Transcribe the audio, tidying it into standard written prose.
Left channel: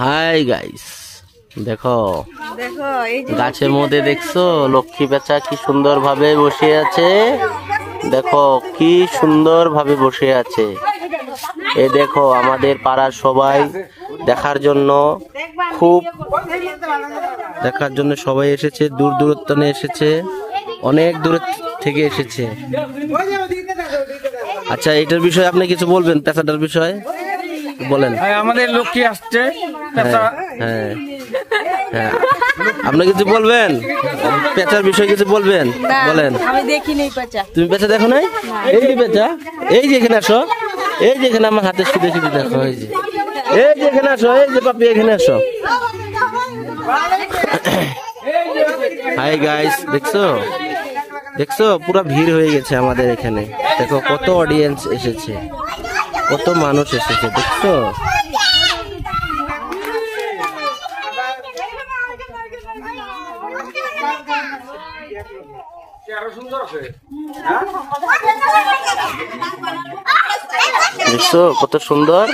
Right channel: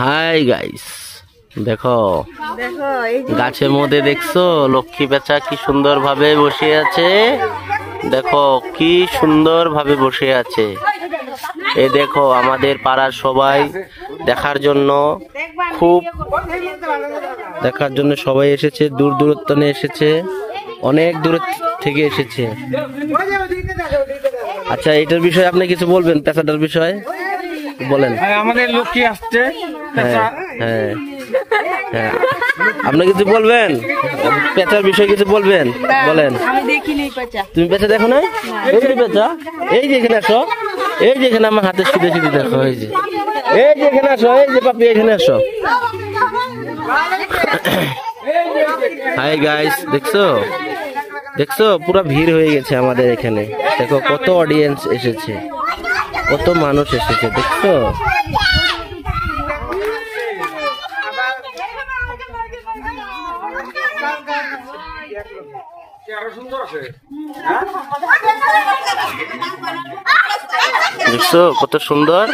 Hi guys, দেখো গাছের মধ্যে দেখছো লক্ষ্মী পেঁচা কি সুন্দর ভাবে বসে আছে। দেখো কি সুন্দর ভাবে বসে আছে। এ দেখো আমাদের পাড়ার সবাই দেখার জন্য সবাই এসেছে, দূর দূরত্ব এসেছে, অনেক দূর থেকে এসেছে। আচ্ছা, এটার বিষয়ে আপনি কিছু বলবেন? পেঁচাটার বিষয়ে বলেন। আমাদের লক্ষ্মী আসছে। হ্যাঁ হ্যাঁ হ্যাঁ, আপনি কিছু বলবেন? পেঁচার বিষয়ে কিছু বলবেন? বলেন। তুমি পেঁচা দেখো নাই? এই যে পেঁচা, এই যে এখানে আসো, এই যে এখানে আমার হাতে শুধু শুধু দেখো, এই যে এখানে আসো, এই যে পাপি এখানে আসো। হাই গাইস, দেখছো দেখছো পুরো ভিড় হয়ে গেছে আমাদের এখানে। দেখো কত অডিয়েন্স এসেছে, কত মানুষ এসেছে, দেখছো? দেখছো কত সুন্দর।